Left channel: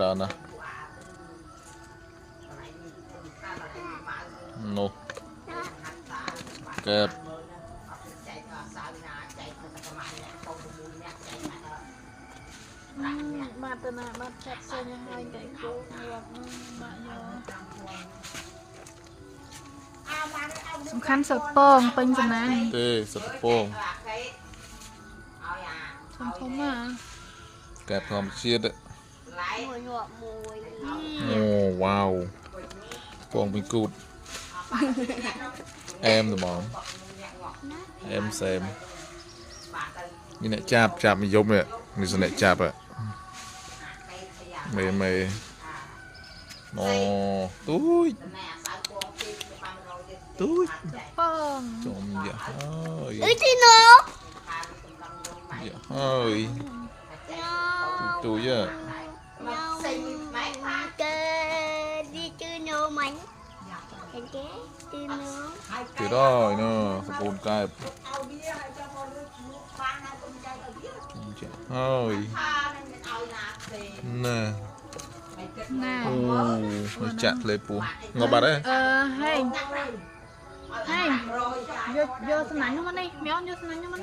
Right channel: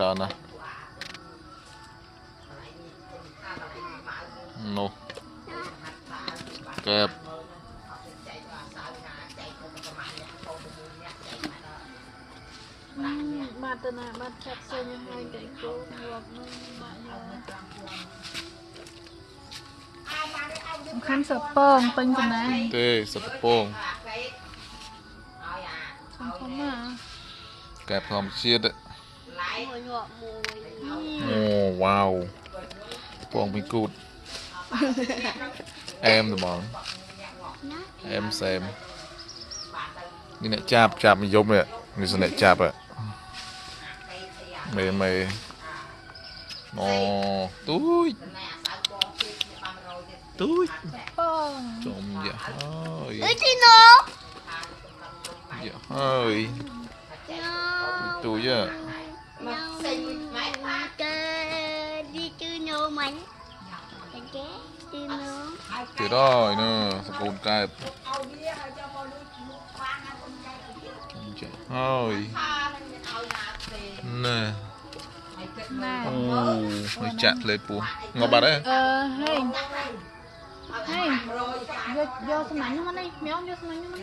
ច្រើនណាស់នោះកែប បាត់ទៅណាបាត់ចាប់សេញហើយតែគោងាប់នឹងបាក់យកសំខាន់សពងពេញចំណាយ ទេសត្វពង សំខាន់មក កែបធម្មជាតិ មួយងាប់មួយ អូវ៉ាវពងពីគូតអែមត្មងអែមសែមនេះអ្នកចាប់មកយំនេះនេះសអ្នកចាប់មេអូទូចពង ចំយ៉ាហើយ អីទីណូ យ៉ាហើយទូច គេđi chơi nô mình cái đi nô ទៀតហើយណាសកូនកែបហើយណែ nè អូចាក់លេពូងប់បាត់ហើយ hay hay vô vô sân mạnh không anh đi mèo vô sân mạnh không anh